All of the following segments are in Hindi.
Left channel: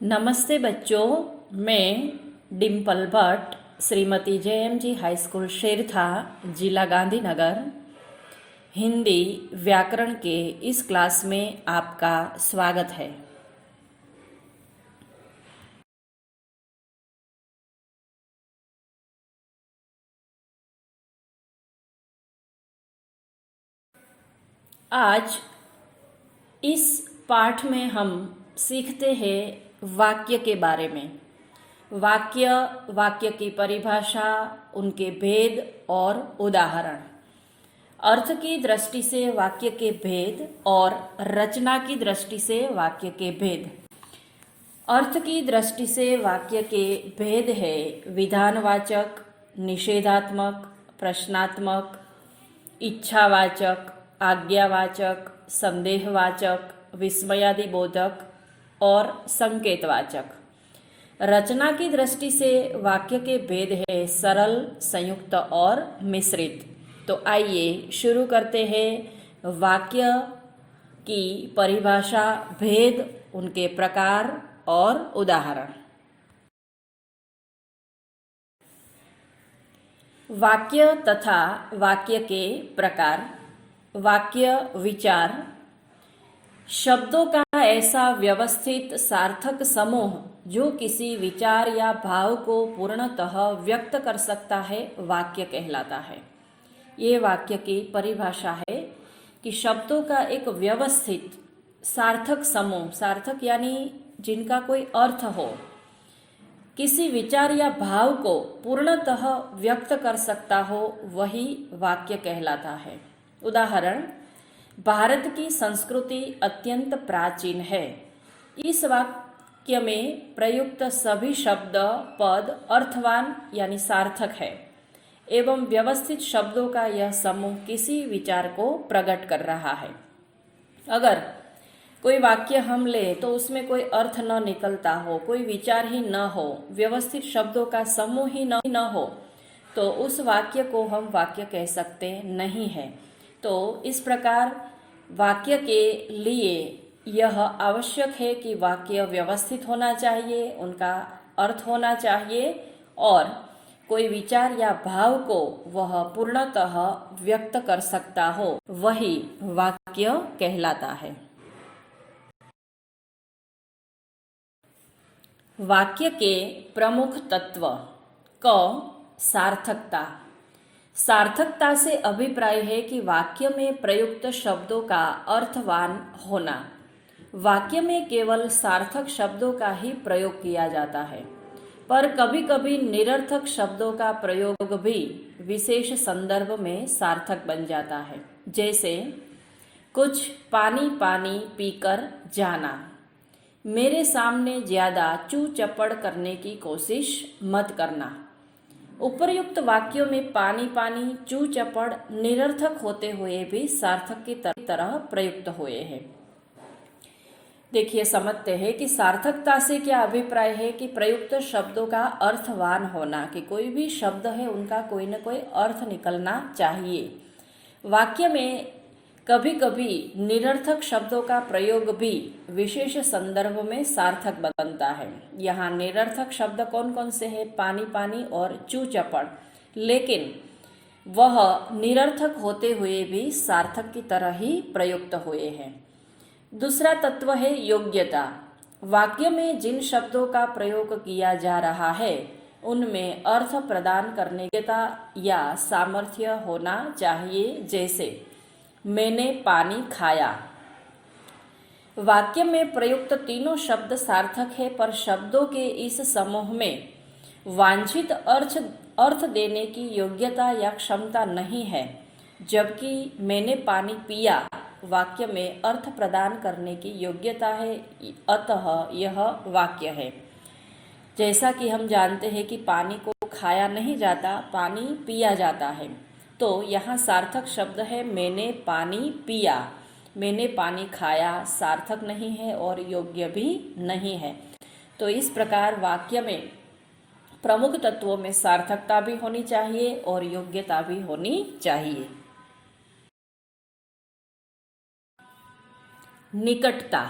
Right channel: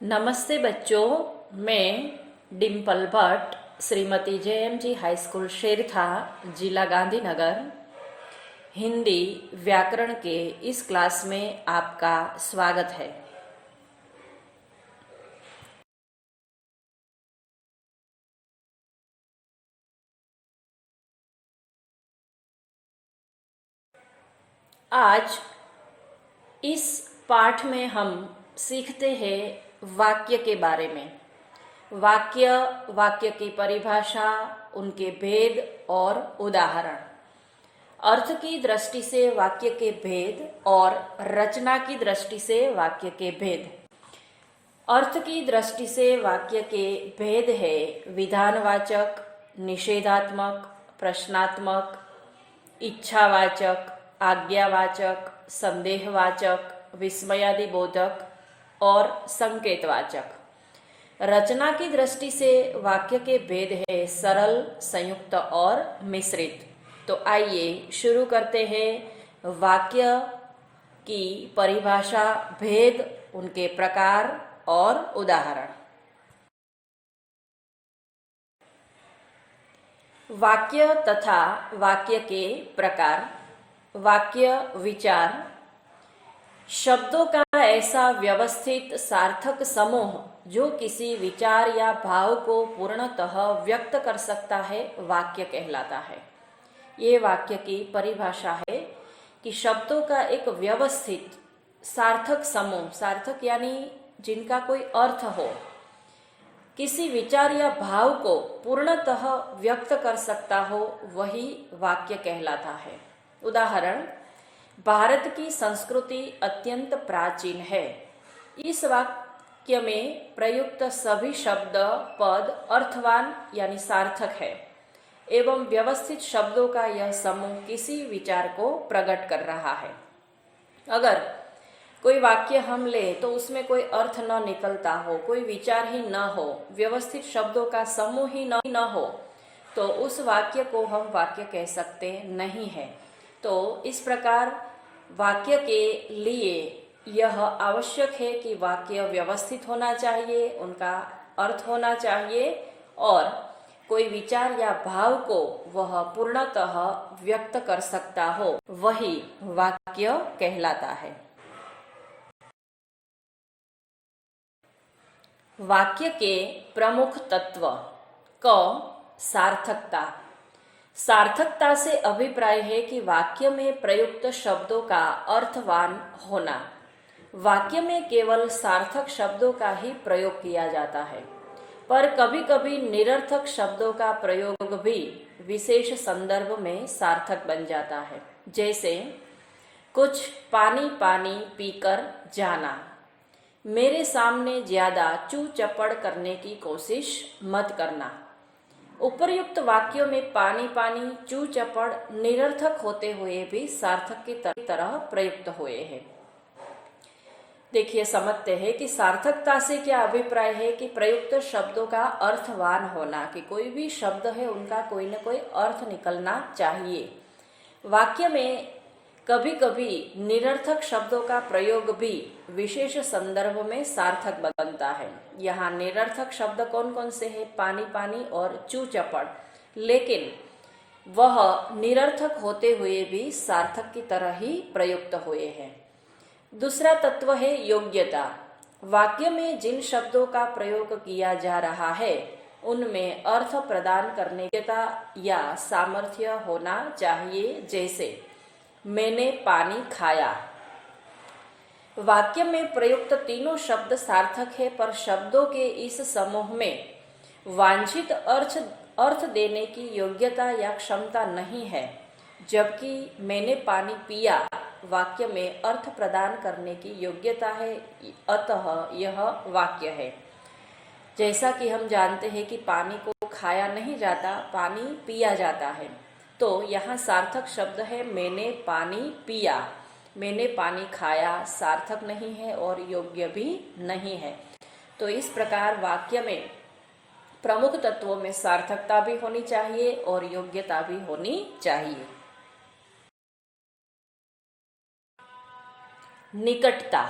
नमस्ते बच्चों, मैं Dimple Bhatt, Shrimati JMG high school Shertha, जिला गांधीनगर, हिंदी व्याकरण के इस क्लास में आपका स्वागत है। आज इस पाठ में हम सीखते हैं वाक्य के बारे में। वाक्य की परिभाषा, उनके भेद और उदाहरण, अर्थ की दृष्टि से वाक्य के भेद और रचना की दृष्टि से वाक्य के भेद। अर्थ की दृष्टि से वाक्य के भेद है विधानवाचक, निषेधात्मक, प्रश्नात्मक, इच्छावाचक, आज्ञावाचक, संदेहवाचक, विस्मयादिबोधक और संकेतवाचक। रचना की दृष्टि से वाक्य के भेद है सरल, संयुक्त और मिश्रित। तो आइए शुरू करते हैं वाक्य की परिभाषा, भेद, उनके प्रकार और उदाहरण। वाक्य तथा वाक्य के प्रकार। वाक्य विचार, शब्दों का ऐसा व्यवस्थित सार्थक समूह जो किसी विचार या भाव को पूर्णतः व्यक्त कर सकता है, वाक्य कहलाता है। ये वाक्य की परिभाषा है कि शब्दों का एक व्यवस्थित सार्थक समूह, सार्थक यानी जिनका कोई अर्थ हो, किसी विचार या भाव को पूर्णतः व्यक्त कर सकता हो, वही वाक्य कहलाता है। उदाहरण, भारत की संस्कृति अत्यंत प्राचीन है। इस वाक्य में प्रयुक्त सभी शब्द पद अर्थवान यानी सार्थक है एवं व्यवस्थित शब्दों का यह समूह किसी विचार को प्रकट कर रहा है। अगर कोई वाक्य हम ले तो उसमें कोई अर्थ न निकलता हो, कोई विचार ही न हो, व्यवस्थित शब्दों का समूह ही न हो, तो उस वाक्य को हम वाक्य कह सकते नहीं हैं। तो इस प्रकार वाक्य के लिए यह आवश्यक है कि वाक्य व्यवस्थित होना चाहिए, उनका अर्थ होना चाहिए और कोई विचार या भाव को वह पूर्णतः व्यक्त कर सकता हो, वही वाक्य कहलाता है। वाक्य के प्रमुख तत्व। क, सार्थकता। सार्थकता से अभिप्राय है कि वाक्य में प्रयुक्त शब्दों का अर्थवान होना। वाक्य में केवल सार्थक शब्दों का ही प्रयोग किया जाता है, पर कभी कभी निरर्थक शब्दों का प्रयोग भी विशेष संदर्भ में सार्थक बन जाता है। जैसे कुछ पानी पानी पीकर जाना, मेरे सामने ज्यादा चू चपड़ करने की कोशिश मत करना। उपर्युक्त वाक्यों में पानी पानी, चू चपड़ निरर्थक होते हुए भी सार्थक की तरह प्रयुक्त हुए हैं। देखिए, समझते हैं कि सार्थकता से क्या अभिप्राय है कि प्रयुक्त शब्दों का अर्थवान होना, कि कोई भी शब्द है उनका कोई न कोई अर्थ निकलना चाहिए। वाक्य में कभी कभी निरर्थक शब्दों का प्रयोग भी विशेष संदर्भ में सार्थक बनता है। यहाँ निरर्थक शब्द कौन कौन से हैं? पानी पानी और चू चपड़, लेकिन वह निरर्थक होते हुए भी सार्थक की तरह ही प्रयुक्त हुए हैं। दूसरा तत्व है योग्यता। वाक्य में जिन शब्दों का प्रयोग किया जा रहा है उनमें अर्थ प्रदान करने की योग्यता या सामर्थ्य होना चाहिए। जैसे मैंने पानी खाया। वाक्य में प्रयुक्त तीनों शब्द सार्थक है, पर शब्दों के इस समूह में वांछित अर्थ देने की योग्यता या क्षमता नहीं है, जबकि मैंने पानी पिया वाक्य में अर्थ प्रदान करने की योग्यता है, अतः यह वाक्य है। जैसा कि हम जानते हैं कि पानी को खाया नहीं जाता, पानी पिया जाता है। तो यहाँ सार्थक शब्द है मैंने पानी पिया। मैंने पानी खाया सार्थक नहीं है और योग्य भी नहीं है। तो इस प्रकार वाक्य में प्रमुख तत्वों में सार्थकता भी होनी चाहिए और योग्यता भी होनी चाहिए। निकटता।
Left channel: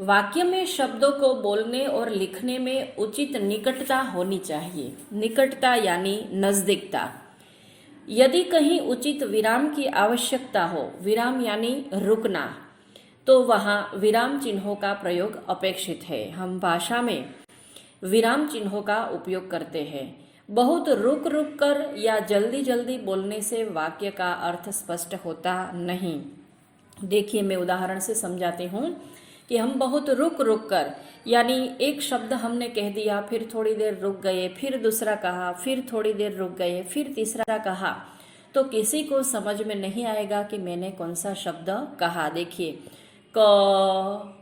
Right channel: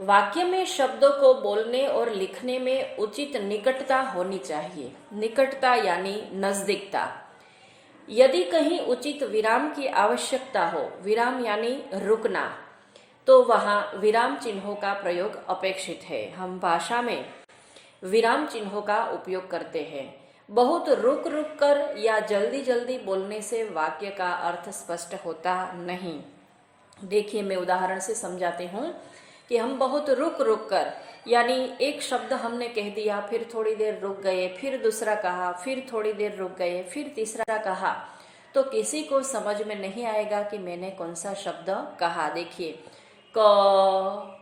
वाक्य में शब्दों को बोलने और लिखने में उचित निकटता होनी चाहिए। निकटता यानी नजदीकता। यदि कहीं उचित विराम की आवश्यकता हो, विराम यानी रुकना, तो वहाँ विराम चिन्हों का प्रयोग अपेक्षित है। हम भाषा में विराम चिन्हों का उपयोग करते हैं। बहुत रुक रुक कर या जल्दी जल्दी बोलने से वाक्य का अर्थ स्पष्ट होता नहीं। देखिए, मैं उदाहरण से समझाती हूँ कि हम बहुत रुक रुक कर, यानी एक शब्द हमने कह दिया, फिर थोड़ी देर रुक गए, फिर दूसरा कहा, फिर थोड़ी देर रुक गए, फिर तीसरा कहा, तो किसी को समझ में नहीं आएगा कि मैंने कौन सा शब्द कहा। देखिए, क,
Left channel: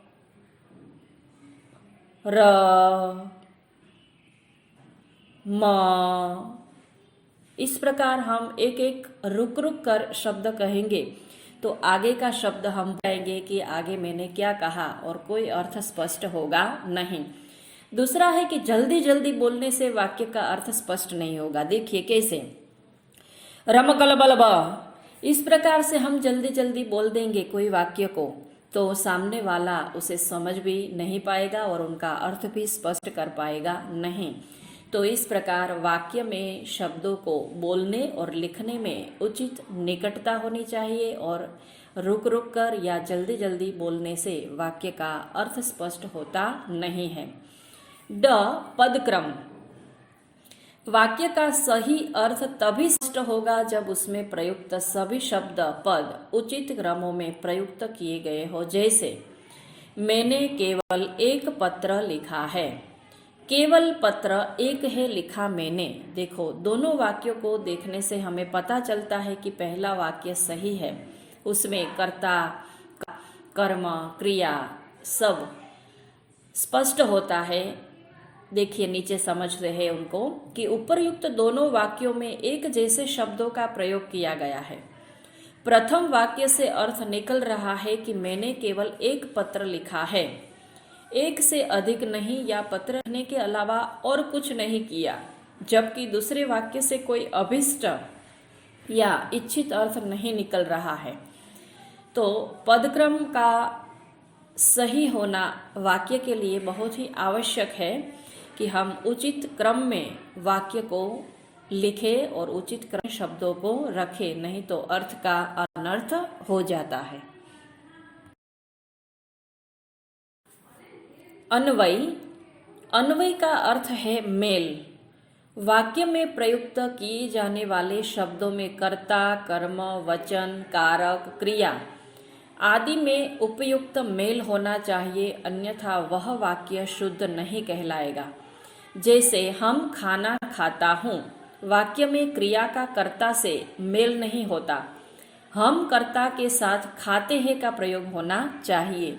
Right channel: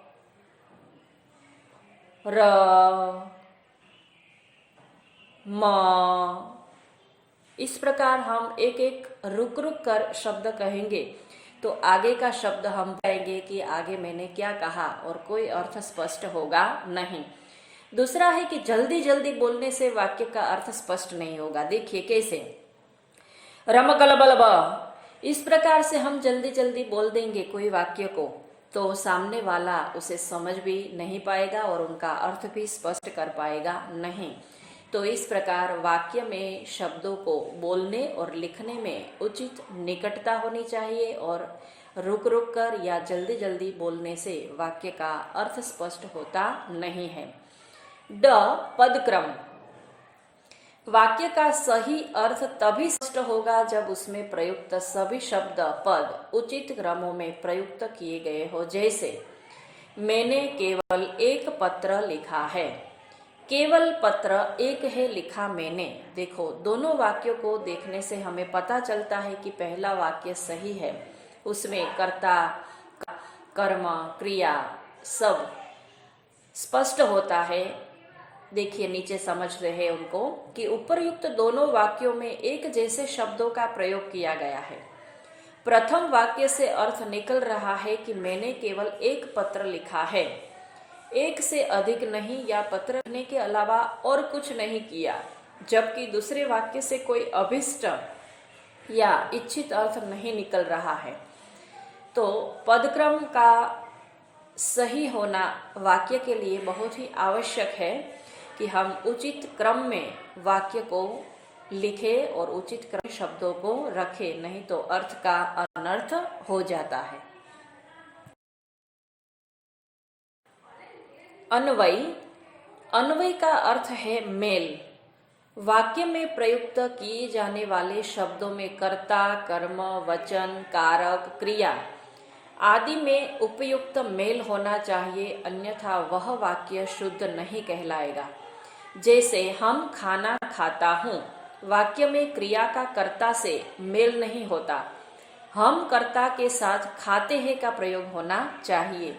र, म, इस प्रकार हम एक एक रुक रुक कर शब्द कहेंगे तो आगे का शब्द हम पाएंगे कि आगे मैंने क्या कहा और कोई अर्थ स्पष्ट होगा नहीं। दूसरा है कि जल्दी जल्दी बोलने से वाक्य का अर्थ स्पष्ट नहीं होगा। देखिए कैसे, रमकलबलब, इस प्रकार से हम जल्दी जल्दी बोल देंगे कोई वाक्य को तो सामने वाला उसे समझ भी नहीं पाएगा और उनका अर्थ भी स्पष्ट कर पाएगा नहीं। तो इस प्रकार वाक्य में शब्दों को बोलने और लिखने में उचित निकटता होनी चाहिए और रुक रुक कर या जल्दी जल्दी बोलने से वाक्य का अर्थ स्पष्ट होता नहीं है। ड, पदक्रम। वाक्य का सही अर्थ तभी स्पष्ट होगा जब उसमें प्रयुक्त सभी शब्द पद उचित क्रमों में प्रयुक्त किए गए हो। जैसे, मैंने केवल एक पत्र लिखा है। केवल पत्र एक है लिखा मैंने। देखो, दोनों वाक्यों को देखने से हमें पता चलता है कि पहला वाक्य सही है, उसमें कर्ता, कर्म, क्रिया सब स्पष्ट होता है। देखिए, नीचे समझ रहे हैं उनको कि उपरयुक्त दोनों वाक्यों में एक जैसे शब्दों का प्रयोग किया गया है। प्रथम वाक्य से अर्थ निकल रहा है कि मैंने केवल एक पत्र लिखा है, एक से अधिक नहीं या पत्र लिखने के अलावा और कुछ नहीं किया, जबकि दूसरे वाक्य से कोई अभिष्ट या इच्छित अर्थ नहीं निकल रहा है। तो पदक्रम का सही होना वाक्य के लिए बहुत ही आवश्यक है कि हम उचित क्रम में वाक्य को लिखें और उचित क्रम शब्दों को रखें, नहीं तो अर्थ का अनर्थ हो जाता है। अन्वयी। अन्वय का अर्थ है मेल। वाक्य में प्रयुक्त किए जाने वाले शब्दों में कर्ता, कर्म, वचन, कारक, क्रिया आदि में उपयुक्त मेल होना चाहिए, अन्यथा वह वाक्य शुद्ध नहीं कहलाएगा। जैसे, हम खाना खाता हूँ, वाक्य में क्रिया का कर्ता से मेल नहीं होता, हम कर्ता के साथ खाते हैं का प्रयोग होना चाहिए।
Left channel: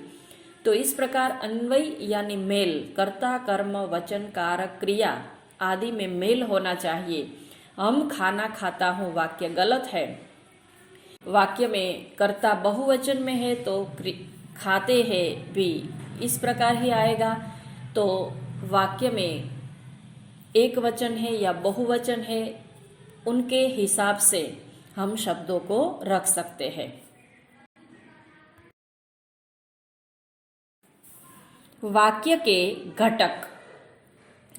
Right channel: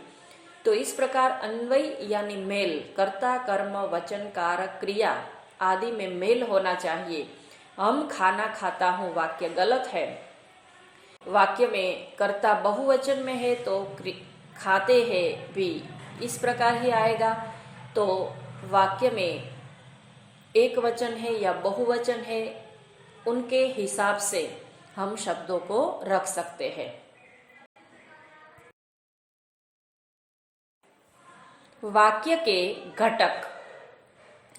तो इस प्रकार अन्वय यानी मेल, कर्ता, कर्म, वचन, कारक, क्रिया आदि में मेल होना चाहिए। हम खाना खाता हूँ वाक्य गलत है। वाक्य में कर्ता बहुवचन में है तो खाते हैं भी इस प्रकार ही आएगा। तो वाक्य में एक वचन है या बहुवचन है, उनके हिसाब से हम शब्दों को रख सकते हैं। वाक्य के घटक।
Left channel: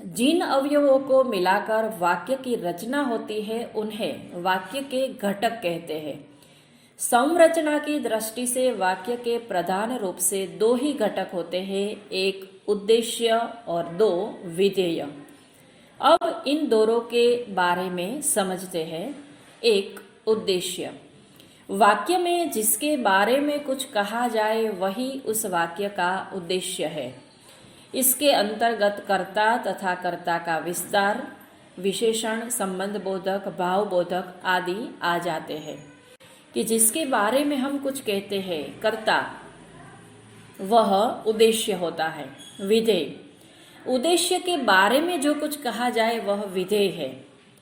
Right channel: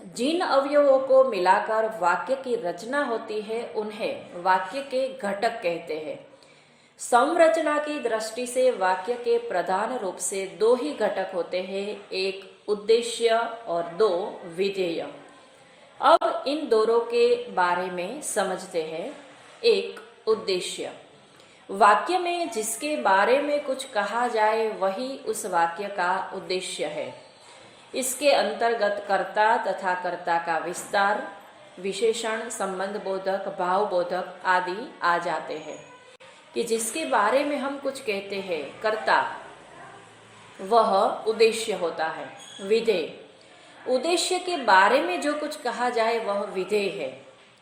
जिन अवयवों को मिलाकर वाक्य की रचना होती है उन्हें वाक्य के घटक कहते हैं। संरचना की दृष्टि से वाक्य के प्रधान रूप से दो ही घटक होते हैं, एक उद्देश्य और दो विधेय। अब इन दोनों के बारे में समझते हैं। एक, उद्देश्य। वाक्य में जिसके बारे में कुछ कहा जाए वही उस वाक्य का उद्देश्य है। इसके अंतर्गत कर्ता तथा कर्ता का विस्तार, विशेषण, संबंध बोधक, भाव बोधक आदि आ जाते हैं। कि जिसके बारे में हम कुछ कहते हैं कर्ता, वह उद्देश्य होता है। विधेय, उद्देश्य के बारे में जो कुछ कहा जाए वह विधेय है।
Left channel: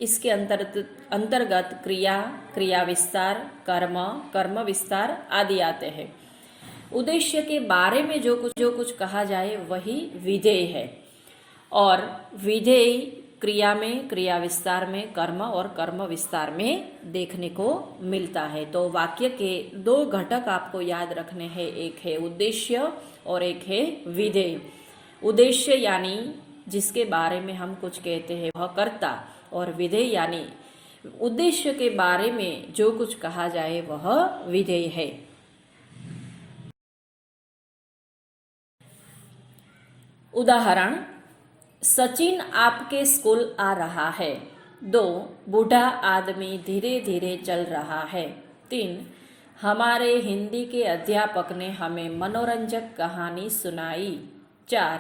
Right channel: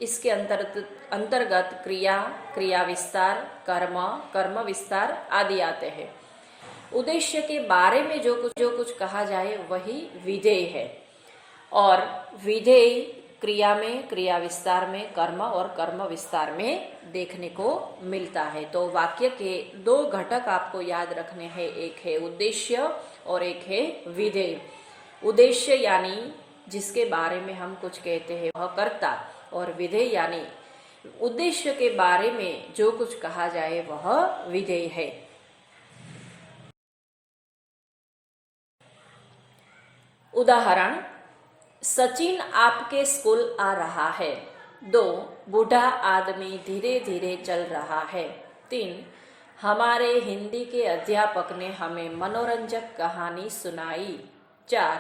इसके अंतर्गत क्रिया, क्रिया विस्तार, कर्म, कर्म विस्तार आदि आते हैं। उद्देश्य के बारे में जो कुछ कहा जाए वही विधेय है। और विधेय क्रिया में, क्रिया विस्तार में कर्म और कर्म विस्तार में देखने को मिलता है। तो वाक्य के दो घटक आपको याद रखने हैं, एक है उद्देश्य और एक है विधेय। उद्देश्य यानी जिसके बारे में हम कुछ कहते हैं वह कर्ता, और विधेय यानी उद्देश्य के बारे में जो कुछ कहा जाए वह विधेय है। उदाहरण, सचिन आपके स्कूल आ रहा है। 2, बूढ़ा आदमी धीरे धीरे चल रहा है। 3, हमारे हिंदी के अध्यापक ने हमें मनोरंजक कहानी सुनाई। 4,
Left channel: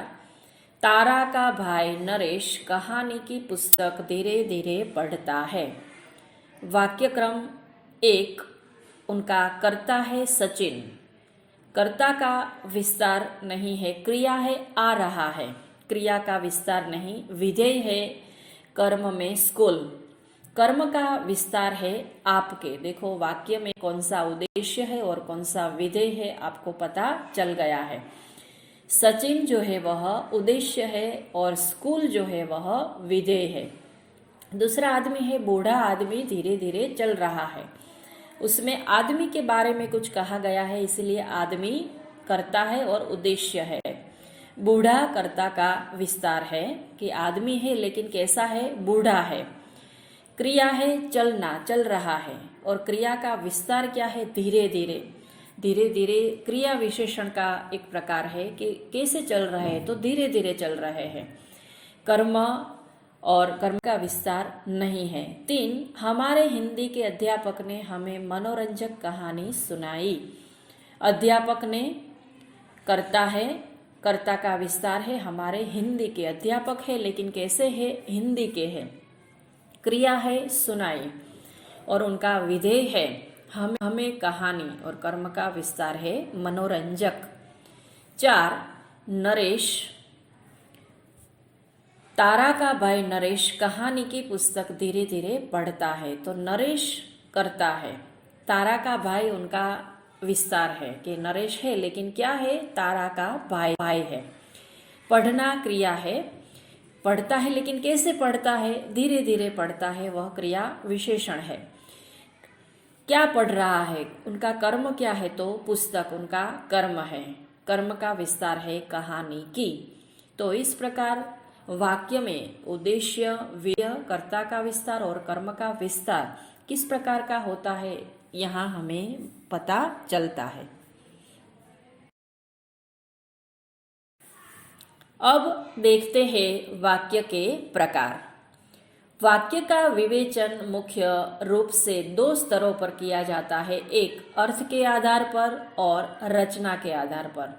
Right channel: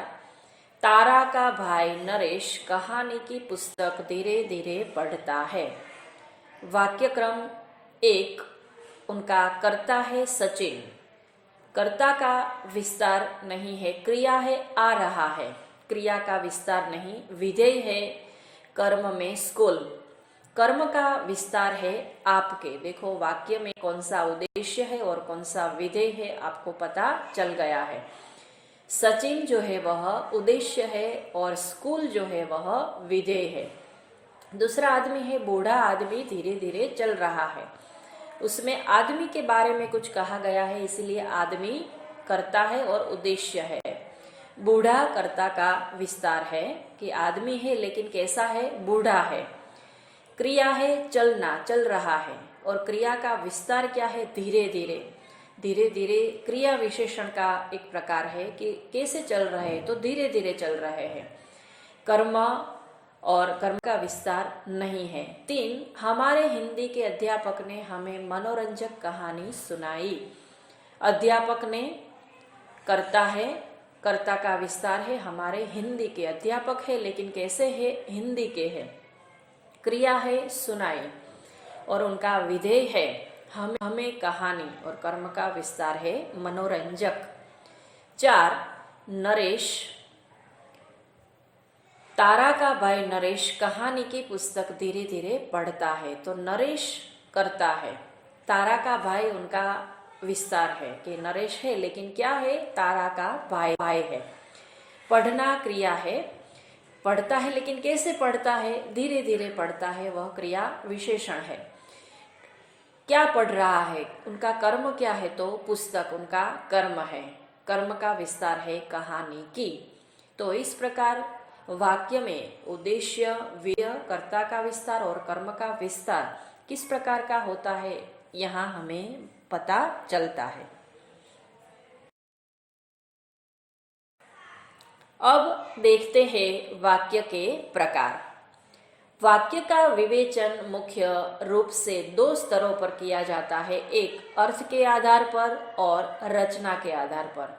तारा का भाई नरेश कहानी की पुस्तक धीरे धीरे पढ़ता है। वाक्यक्रम 1, उनका कर्ता है सचिन। कर्ता का विस्तार नहीं है, क्रिया है आ रहा है, क्रिया का विस्तार नहीं। विधेय है कर्म में स्कूल, कर्म का विस्तार है आपके। देखो वाक्य में कौन सा उद्देश्य है और कौन सा विधेय है आपको पता चल गया है। सचिन जो है वह उद्देश्य है और स्कूल जो है वह विधेय है। दूसरा आदमी है बूढ़ा आदमी धीरे धीरे चल रहा है, उसमें आदमी के बारे में कुछ कहा गया है, इसलिए आदमी कर्ता है और उद्देश्य है। बूढ़ा कर्ता का विस्तार है कि आदमी है लेकिन कैसा है, बूढ़ा है। क्रिया है चलना, चल रहा है, और क्रिया का विस्तार क्या है, धीरे धीरे। धीरे धीरे क्रिया विशेषण का एक प्रकार है कि कैसे चल रहे हैं, तो धीरे धीरे चल रहे हैं। कर्म और कर्म का विस्तार नहीं है। 3, हमारे हिंदी के अध्यापक ने हमें मनोरंजक कहानी सुनाई। अध्यापक ने कर्ता है, कर्ता का विस्तार है हमारे हिंदी के, अध्यापक है लेकिन कैसे है, हिंदी के है। क्रिया है सुनाई और उनका विधेय है हमें कहानी, और कर्म का विस्तार है मनोरंजक। 4, नरेश, तारा का भाई नरेश कहानी की पुस्तक धीरे धीरे पढ़ता है। तो नरेश करता है, तारा का भाई उनका विस्तार है कि नरेश है लेकिन क्या है, तारा का भाई है। पढ़ना क्रिया है, पढ़ता है लेकिन कैसे पढ़ता है, धीरे धीरे पढ़ता है, वह क्रिया विशेषण है। क्या पढ़ रहा है, उनका कर्म क्या है, तो पुस्तक उनका कर्म है। कर्म का विस्तार है कहानी की। तो इस प्रकार वाक्य में उद्देश्य, व्यय, कर्ता का विस्तार और कर्म का विस्तार किस प्रकार का होता है यहाँ हमें पता चलता है। अब देखते हैं वाक्य के प्रकार। वाक्य का विवेचन मुख्य रूप से 2 स्तरों पर किया जाता है, एक अर्थ के आधार पर और रचना के आधार पर।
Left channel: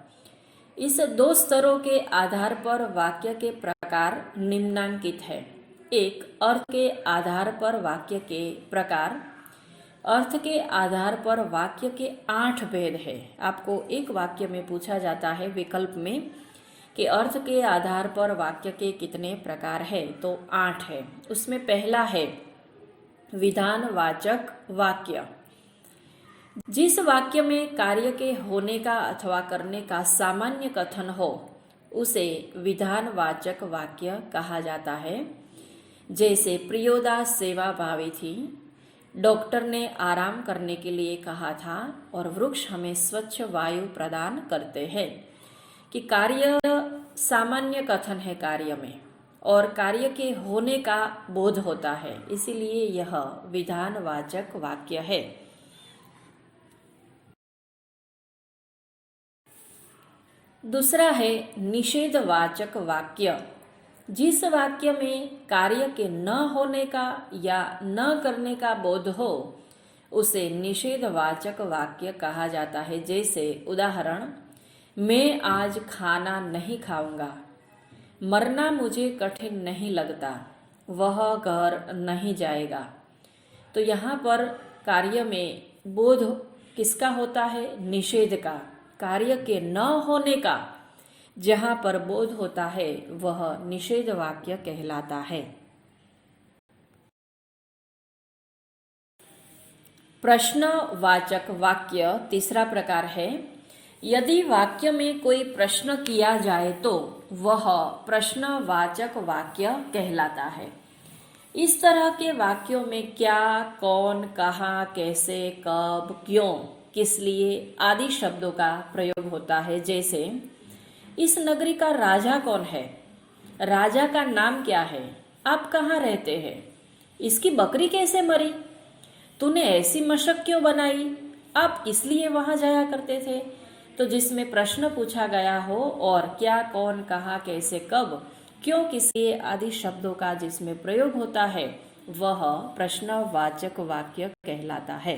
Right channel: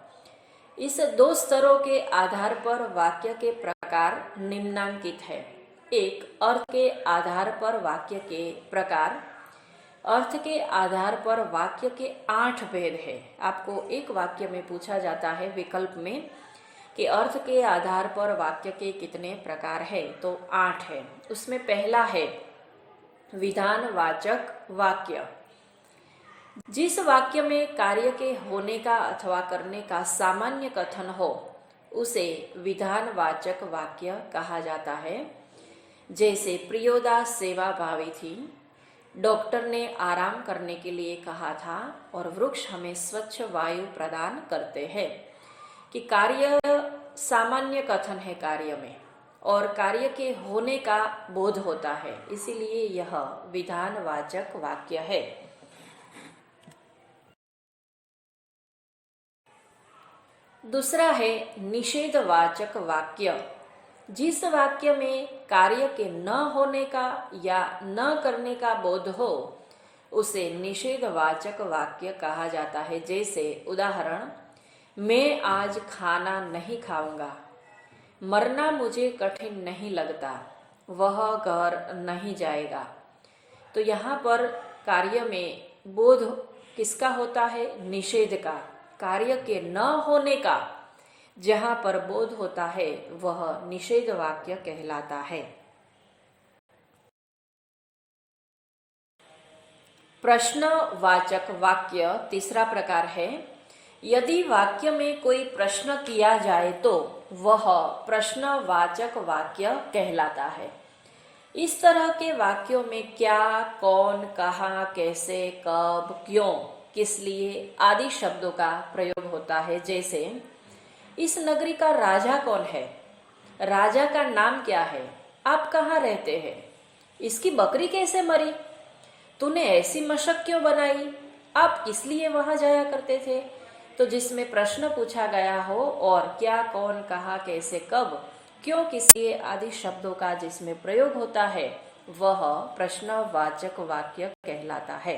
इस 2 स्तरों के आधार पर वाक्य के प्रकार निम्नांकित है। एक, अर्थ के आधार पर वाक्य के प्रकार। अर्थ के आधार पर वाक्य के 8 भेद है। आपको एक वाक्य में पूछा जाता है विकल्प में कि अर्थ के आधार पर वाक्य के कितने प्रकार है, तो 8 है। उसमें पहला है विधानवाचक वाक्य। जिस वाक्य में कार्य के होने का अथवा करने का सामान्य कथन हो उसे विधानवाचक वाक्य कहा जाता है। जैसे प्रियोदा सेवा भावी थी, डॉक्टर ने आराम करने के लिए कहा था, और वृक्ष हमें स्वच्छ वायु प्रदान करते हैं। कि कार्य सामान्य कथन है कार्य में, और कार्य के होने का बोध होता है, इसीलिए यह विधानवाचक वाक्य है। दूसरा है निषेधवाचक वाक्य। जिस वाक्य में कार्य के न होने का या न करने का बोध हो उसे निषेधवाचक वाक्य कहा जाता है। जैसे उदाहरण, मैं आज खाना नहीं खाऊंगा, मरना मुझे कठिन नहीं लगता, वह घर नहीं जाएगा। तो यहाँ पर कार्य में बोध किसका होता है, निषेध का, कार्य के न होने का। जहाँ पर बोध होता है वह निषेध वाक्य कहलाता है। प्रश्नवाचक वाक्य तीसरा प्रकार है। यदि वाक्य में कोई प्रश्न किया जाए तो वह प्रश्नवाचक वाक्य कहलाता है। इस तरह के वाक्यों में क्या, कौन, कहाँ, कैसे, कब, क्यों, किस लिए आदि शब्दों का प्रयोग होता है। जैसे, इस नगरी का राजा कौन है? राजा का नाम क्या है? आप कहाँ रहते हैं? इसकी बकरी कैसे मरी? तूने ऐसी मशक क्यों बनाई? आप किस लिए वहां जाया करते थे? तो जिसमें प्रश्न पूछा गया हो और क्या, कौन, कहाँ, कैसे, कब, क्यों, किस लिए आदि शब्दों का जिसमें प्रयोग होता है वह प्रश्नवाचक वाक्य कहलाता है।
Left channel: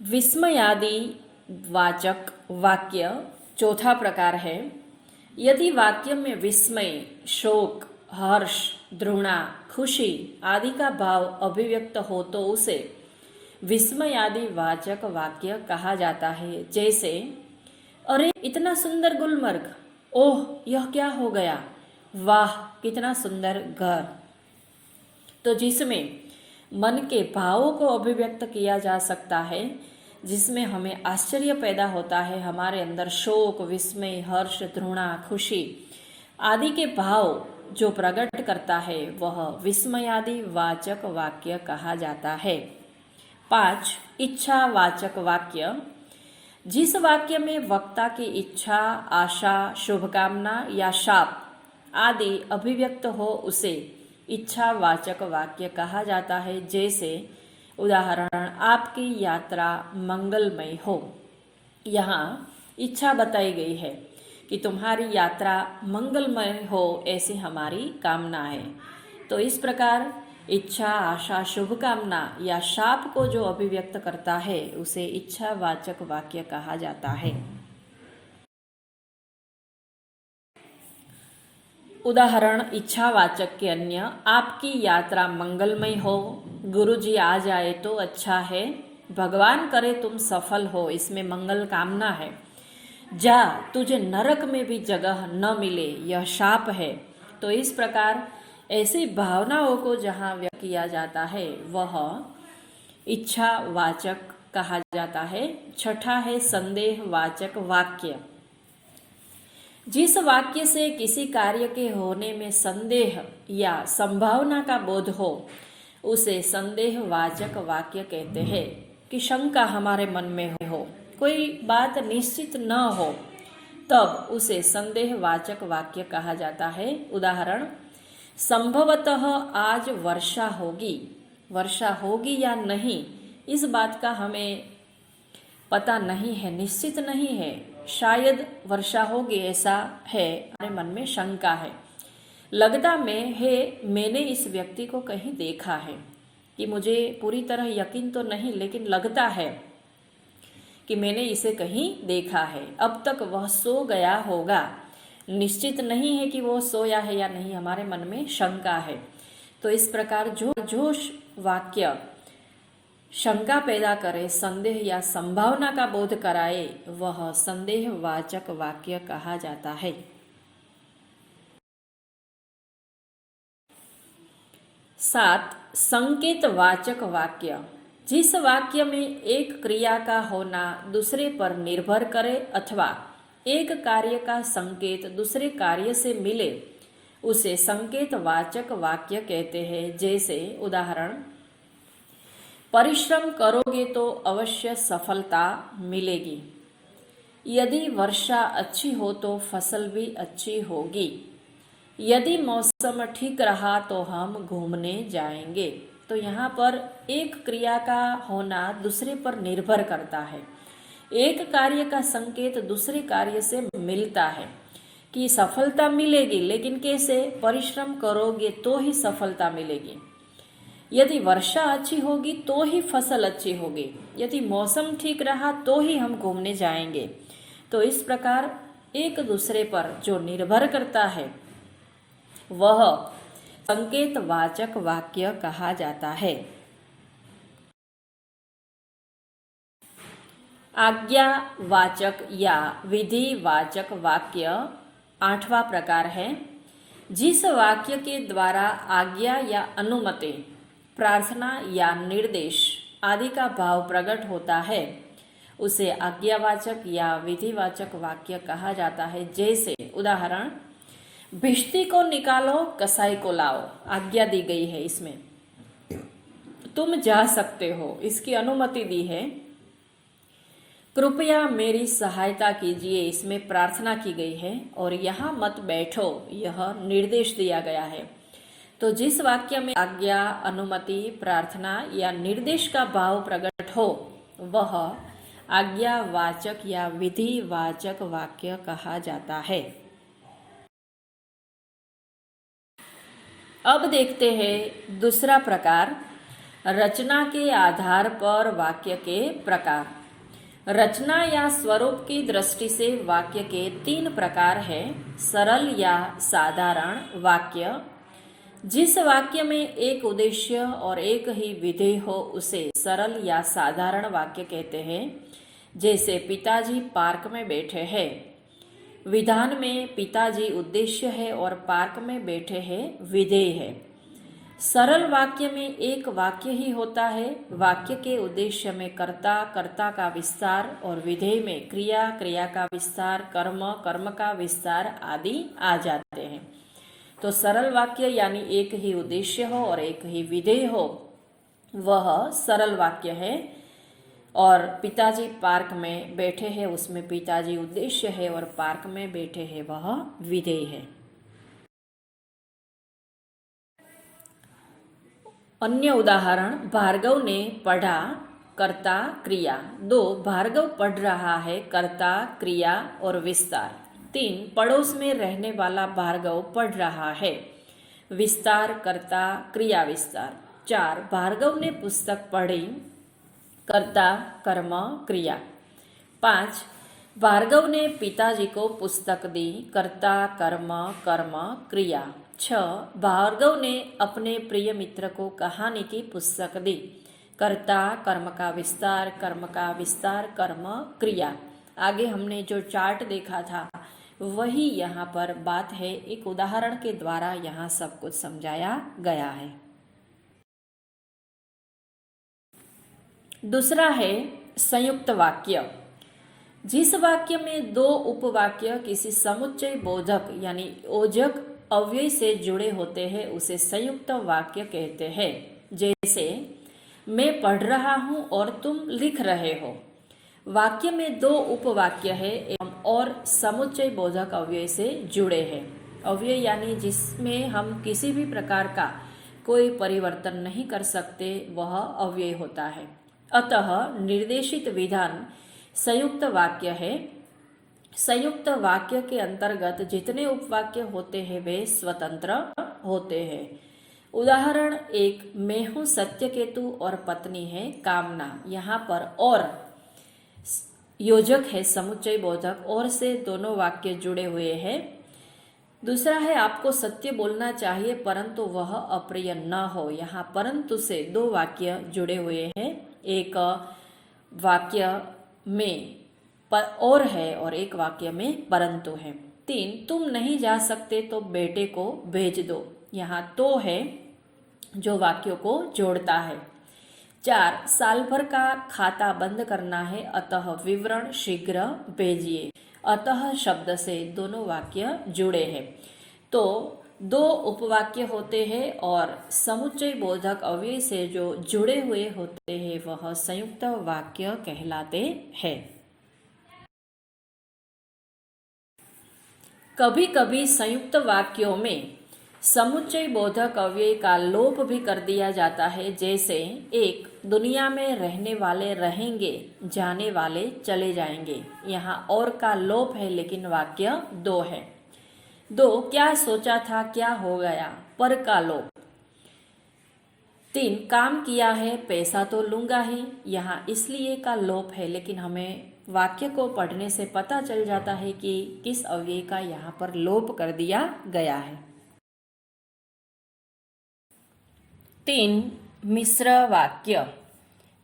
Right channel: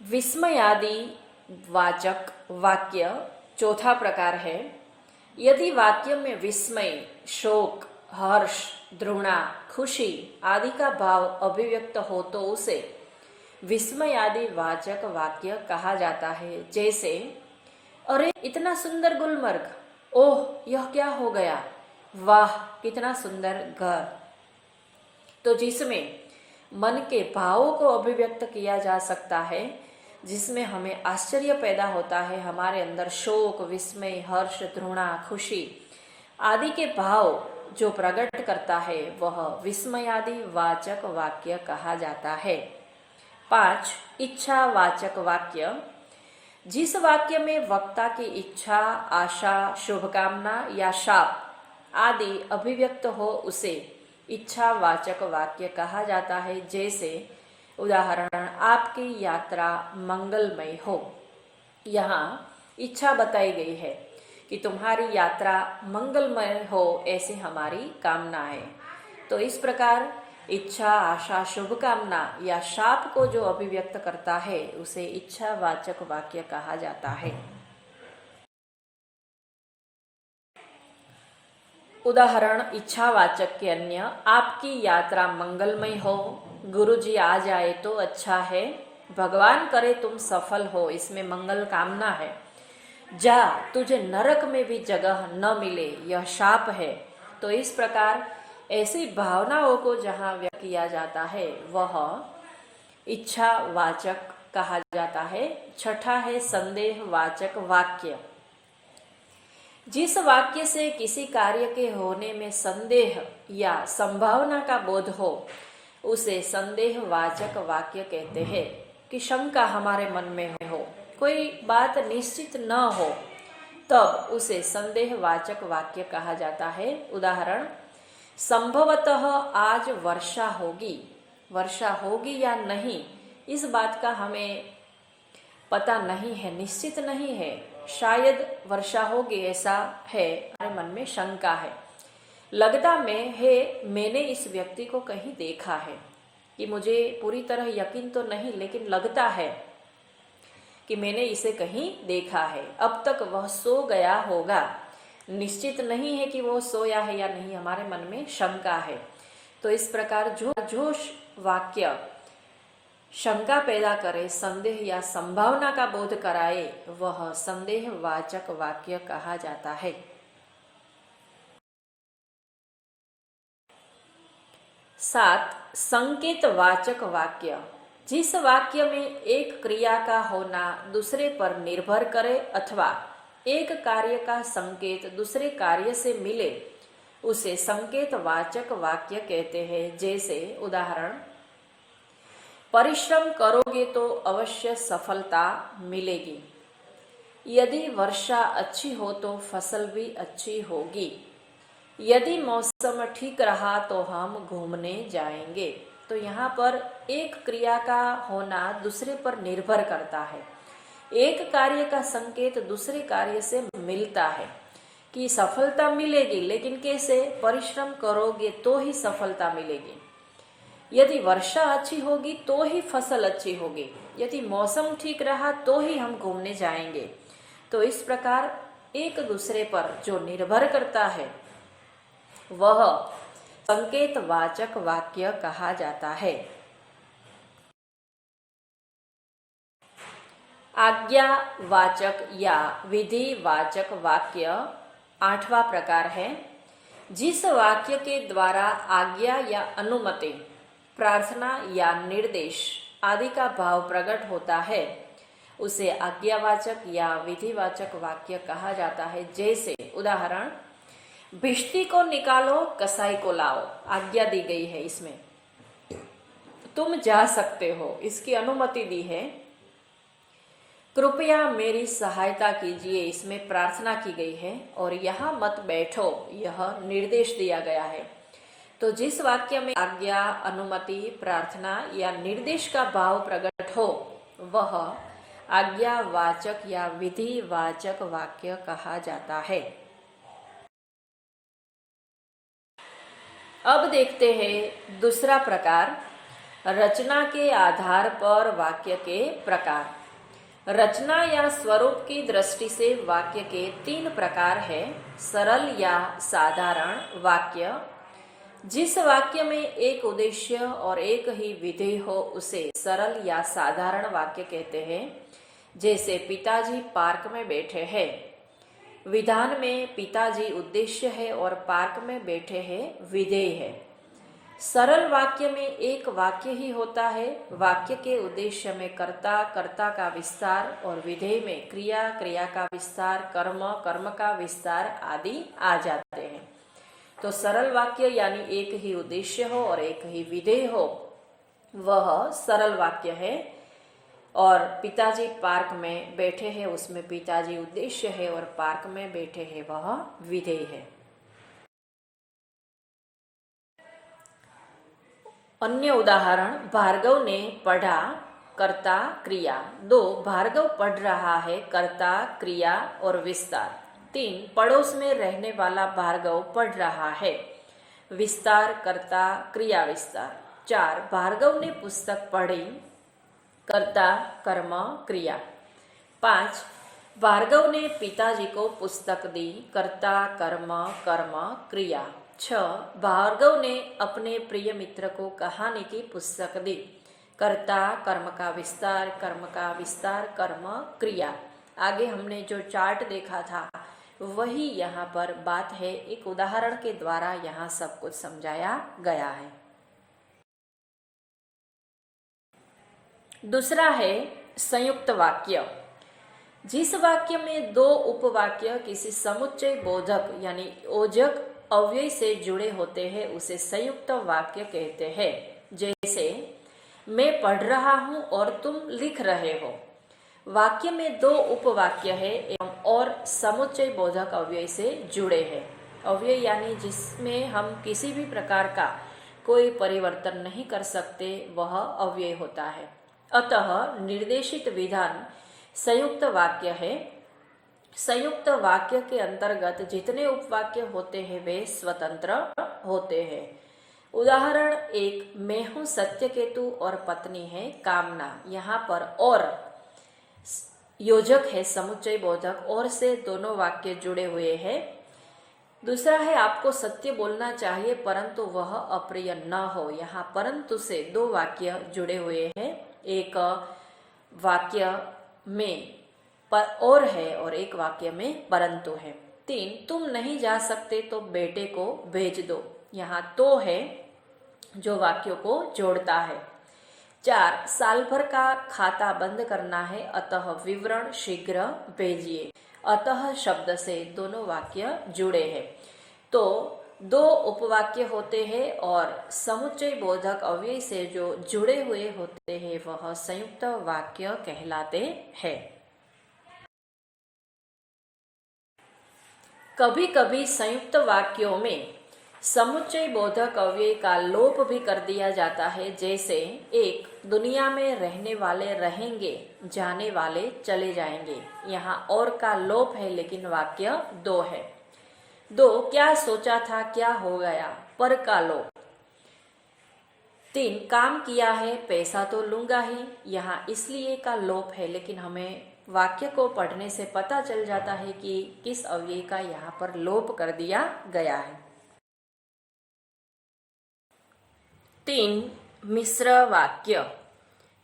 विस्मयादि वाचक वाक्य चौथा प्रकार है। यदि वाक्य में विस्मय, शोक, हर्ष, घृणा, खुशी आदि का भाव अभिव्यक्त हो तो उसे विस्मयादि वाचक वाक्य कहा जाता है। जैसे, अरे इतना सुंदर गुलमर्ग, ओह यह क्या हो गया, वाह कितना सुंदर घर। तो जिसमें मन के भावों को अभिव्यक्त किया जा सकता है, जिसमें हमें आश्चर्य पैदा होता है, हमारे अंदर शोक, विस्मय, हर्ष, घृणा, खुशी आदि के भाव जो प्रकट करता है वह विस्मयादि वाचक वाक्य कहा जाता है। 5. इच्छावाचक वाक्य। जिस वाक्य में वक्ता की इच्छा, आशा, शुभकामना या शाप आदि अभिव्यक्त हो उसे इच्छावाचक वाक्य कहा जाता है। जैसे उदाहरण, आपकी यात्रा मंगलमय हो। यहाँ इच्छा बताई गई है कि तुम्हारी यात्रा मंगलमय हो, ऐसी हमारी कामना है। तो इस प्रकार इच्छा, आशा, शुभकामना या शाप को जो अभिव्यक्त करता है उसे इच्छावाचक वाक्य कहा जाता है। उदाहरण इच्छावाचक के अन्य, आपकी यात्रा मंगलमय हो, गुरुजी आ जाए तो अच्छा है, भगवान करे तुम सफल हो, इसमें मंगल कामना है। जा, तुझे नरक में भी जगह न मिले, यह शाप है। तो इस प्रकार ऐसी भावनाओं को जहाँ व्यक्त किया जाता है वह इच्छावाचक कहा जाता है। 6 है संदेहवाचक वाक्य। जिस वाक्य से किसी कार्य के होने में संदेह या संभावना का बोध हो उसे संदेहवाचक वाक्य कहते हैं। कि शंका हमारे मन में हो, कोई बात निश्चित न हो, तब उसे संदेहवाचक वाक्य कहा जाता है। उदाहरण, संभवतः आज वर्षा होगी। वर्षा होगी या नहीं इस बात का हमें पता नहीं है, निश्चित नहीं है, शायद वर्षा होगी ऐसा है, हमारे मन में शंका है। लगता में है, मैंने इस व्यक्ति को कहीं देखा है, कि मुझे पूरी तरह यकीन तो नहीं लेकिन लगता है कि मैंने इसे कहीं देखा है। अब तक वह सो गया होगा, निश्चित नहीं है कि वो सोया है या नहीं, हमारे मन में शंका है। तो इस प्रकार जो वाक्य शंका पैदा करे, संदेह या संभावना का बोध कराए, वह संदेहवाचक वाक्य कहा जाता है। 7. संकेतवाचक वाक्य। जिस वाक्य में एक क्रिया का होना दूसरे पर निर्भर करे अथवा एक कार्य का संकेत दूसरे कार्य से मिले उसे संकेतवाचक वाक्य कहते हैं। जैसे उदाहरण, परिश्रम करोगे तो अवश्य सफलता मिलेगी। यदि वर्षा अच्छी हो तो फसल भी अच्छी होगी। यदि मौसम ठीक रहा तो हम घूमने जाएंगे। तो यहाँ पर एक क्रिया का होना दूसरे पर निर्भर करता है। एक कार्य का संकेत दूसरे कार्य से मिलता है कि सफलता मिलेगी, लेकिन कैसे? परिश्रम करोगे तो ही सफलता मिलेगी। यदि वर्षा अच्छी होगी तो ही फसल अच्छी होगी। यदि मौसम ठीक रहा तो ही हम घूमने जाएंगे। तो इस प्रकार एक दूसरे पर जो निर्भर करता है वह संकेतवाचक वाक्य कहा जाता है। आज्ञावाचक या विधिवाचक वाक्य 8वां प्रकार है। जिस वाक्य के द्वारा आज्ञा या अनुमति, प्रार्थना या निर्देश आदि का भाव प्रकट होता है उसे आज्ञावाचक या विधिवाचक वाक्य कहा जाता है। जैसे उदाहरण, भिश्ती को निकालो, कसाई को लाओ। आज्ञा दी गई है, इसमें तुम जा सकते हो, इसकी अनुमति दी है। कृपया मेरी सहायता कीजिए, इसमें प्रार्थना की गई है। और यहाँ मत बैठो, यह निर्देश दिया गया है। तो जिस वाक्य में आज्ञा, अनुमति, प्रार्थना या निर्देश का भाव प्रकट हो वह आज्ञावाचक या विधिवाचक वाक्य कहा जाता है। अब देखते हैं दूसरा प्रकार, रचना के आधार पर वाक्य के प्रकार। रचना या स्वरूप की दृष्टि से वाक्य के 3 प्रकार हैं। सरल या साधारण वाक्य, जिस वाक्य में एक उद्देश्य और एक ही विधेय हो उसे सरल या साधारण वाक्य कहते हैं। जैसे पिताजी पार्क में बैठे हैं। विधान में पिताजी उद्देश्य है और पार्क में बैठे हैं विधेय है। सरल वाक्य में एक वाक्य ही होता है। वाक्य के उद्देश्य में कर्ता, कर्ता का विस्तार और विधेय में क्रिया, क्रिया का विस्तार, कर्म, कर्म का विस्तार आदि आ जाते हैं। तो सरल वाक्य यानी एक ही उद्देश्य हो और एक ही विधेय हो, वह सरल वाक्य है। और पिताजी पार्क में बैठे हैं, उसमें पिताजी उद्देश्य है और पार्क में बैठे हैं वह विधेय है। अन्य उदाहरण, भार्गव ने पढ़ा, कर्ता, क्रिया। 2 भार्गव पढ़ रहा है, कर्ता, क्रिया और विस्तार। 3 पड़ोस में रहने वाला भार्गव पढ़ रहा है, विस्तार, कर्ता, क्रिया, विस्तार। 4 भार्गव ने पुस्तक पढ़ी, कर्ता, कर्म, क्रिया। 5 भार्गव ने पिताजी को पुस्तक दी, कर्ता, कर्म, कर्म, क्रिया। 6 भार्गव ने अपने प्रिय मित्र को कहानी की पुस्तक दी, कर्ता, कर्म का विस्तार, कर्म का विस्तार, कर्म, क्रिया। आगे हमने जो चार्ट देखा था वही यहाँ पर बात है। एक उदाहरण के द्वारा यहाँ सब कुछ समझाया गया है। दूसरा है संयुक्त वाक्य। जिस वाक्य में 2 उपवाक्य किसी समुच्चय बोधक यानी ओजक अव्यय से जुड़े होते हैं उसे संयुक्त वाक्य कहते हैं। जैसे मैं पढ़ रहा हूँ और तुम लिख रहे हो। वाक्य में 2 उपवाक्य है एवं और समुच्चय बोधक अव्यय से जुड़े हैं। अव्यय यानी जिसमें हम किसी भी प्रकार का कोई परिवर्तन नहीं कर सकते, वह अव्यय होता है। अतः निर्देशित विधान संयुक्त वाक्य है। संयुक्त वाक्य के अंतर्गत जितने उपवाक्य होते हैं वे स्वतंत्र होते हैं। उदाहरण 1, मैं हूँ सत्यकेतु और पत्नी है कामना। यहाँ पर और योजक है समुच्चय बोधक, और से दोनों वाक्य जुड़े हुए हैं। दूसरा है, आपको सत्य बोलना चाहिए परंतु वह अप्रिय न हो। यहाँ परंतु से 2 वाक्य जुड़े हुए हैं। एक वाक्य में और है और एक वाक्य में परंतु है। 3 तुम नहीं जा सकते तो बेटे को भेज दो। यहाँ तो है जो वाक्यों को जोड़ता है। 4 साल भर का खाता बंद करना है, अतः विवरण शीघ्र भेजिए। अतः शब्द से दोनों वाक्य जुड़े हैं। तो 2 उपवाक्य होते हैं और समुच्चय बोधक अव्यय से जो जुड़े हुए होते हैं वह संयुक्त वाक्य कहलाते हैं। कभी कभी संयुक्त वाक्यों में समुच्चय बोधक अव्यय का लोप भी कर दिया जाता है। जैसे 1 दुनिया में रहने वाले रहेंगे, जाने वाले चले जाएंगे। यहाँ और का लोप है लेकिन वाक्य 2 है। 2 क्या सोचा था क्या हो गया, पर का लोप। 3 काम किया है, पैसा तो लूंगा ही। यहाँ इसलिए का लोप है लेकिन हमें वाक्य को पढ़ने से पता चल जाता है कि किस अव्यय का यहाँ पर लोप कर दिया गया है। 3 मिश्र वाक्य।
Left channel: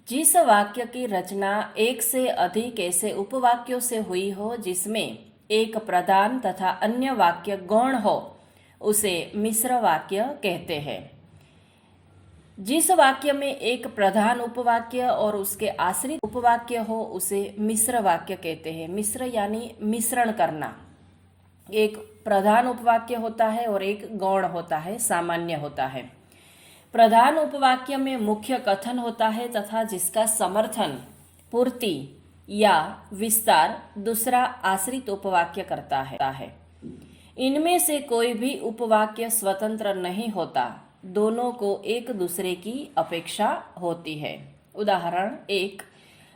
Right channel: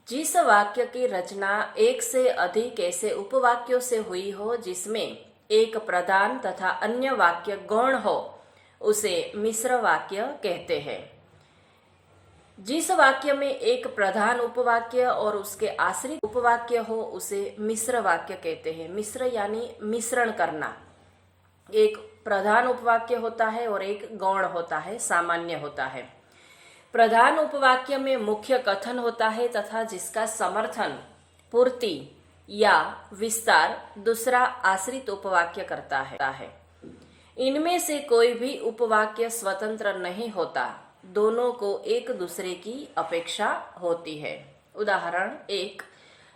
जिस वाक्य की रचना एक से अधिक ऐसे उपवाक्यों से हुई हो जिसमें एक प्रधान तथा अन्य वाक्य गौण हो उसे मिश्र वाक्य कहते हैं। जिस वाक्य में एक प्रधान उपवाक्य और उसके आश्रित उपवाक्य हो उसे मिश्र वाक्य कहते हैं। मिश्र यानी मिश्रण करना। एक प्रधान उपवाक्य होता है और एक गौण होता है, सामान्य होता है। प्रधान उपवाक्य में मुख्य कथन होता है तथा जिसका समर्थन, पूर्ति या विस्तार दूसरा आश्रित उपवाक्य करता है। इनमें से कोई भी उपवाक्य स्वतंत्र नहीं होता, दोनों को एक दूसरे की अपेक्षा होती है। उदाहरण 1,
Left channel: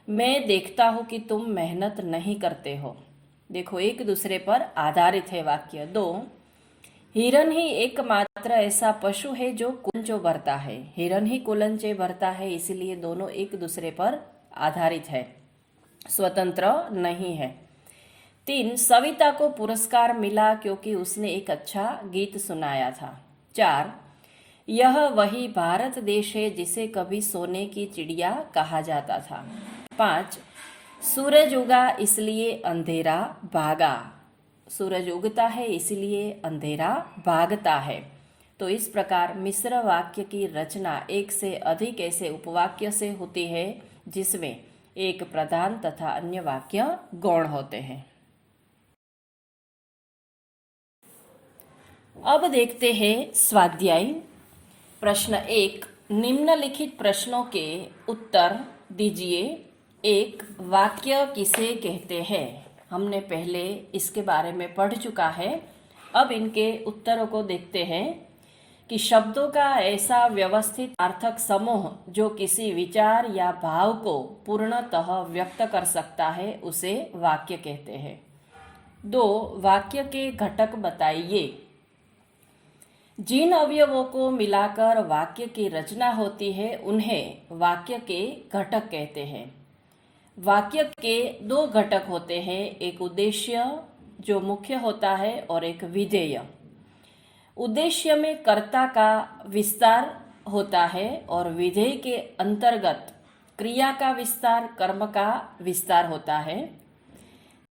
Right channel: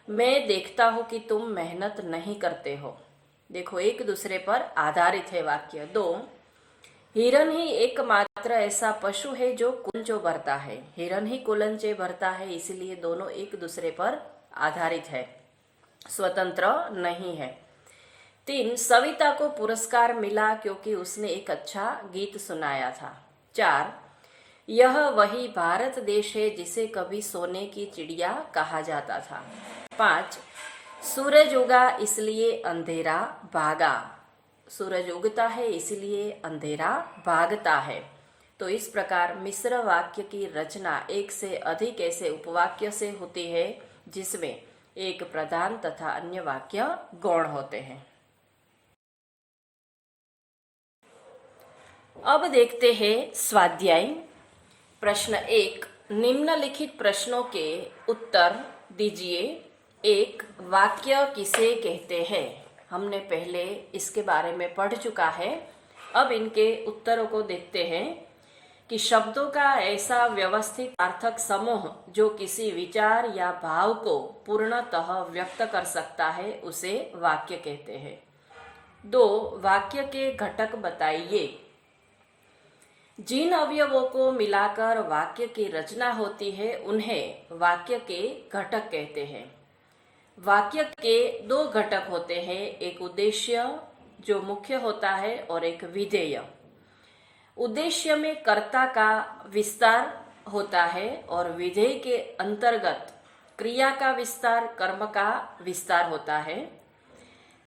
मैं देखता हूँ कि तुम मेहनत नहीं करते हो। देखो, एक दूसरे पर आधारित है वाक्य। 2, हिरन ही एकमात्र ऐसा पशु है जो कुलंचो भरता है। हिरन ही कुलंचे भरता है, इसलिए दोनों एक दूसरे पर आधारित है, स्वतंत्र नहीं है। 3, सविता को पुरस्कार मिला क्योंकि उसने एक अच्छा गीत सुनाया था। 4, यह वही भारत देश है जिसे कभी सोने की चिड़िया कहा जाता था। 5, सूरज उगा इसलिए अंधेरा भागा। सूरज उगता है इसलिए अंधेरा भागता है। तो इस प्रकार मिश्र वाक्य की रचना एक से अधिक ऐसे उपवाक्य से होती है जिसमें एक प्रधान तथा अन्य वाक्य गौण होते हैं। अब देखते हैं स्वाध्याय। प्रश्न 1, निम्नलिखित प्रश्नों के उत्तर दीजिए। 1, वाक्य किसे कहते हैं? हमने पहले इसके बारे में पढ़ चुका है। अब इनके उत्तरों को देखते हैं कि शब्दों का ऐसा व्यवस्थित सार्थक समूह जो किसी विचार या भाव को पूर्णतः व्यक्त कर सकता है उसे वाक्य कहते हैं। 2, वाक्य के घटक बताइए। जिन अवयवों को मिलाकर वाक्य की रचना होती है उन्हें वाक्य के घटक कहते हैं। वाक्य के 2 घटक होते हैं, एक उद्देश्य जो मुख्य होता है और एक विधेय। उद्देश्य में कर्ता का विस्तार होता है और विधेय के अंतर्गत क्रिया का विस्तार, कर्म का विस्तार होता है।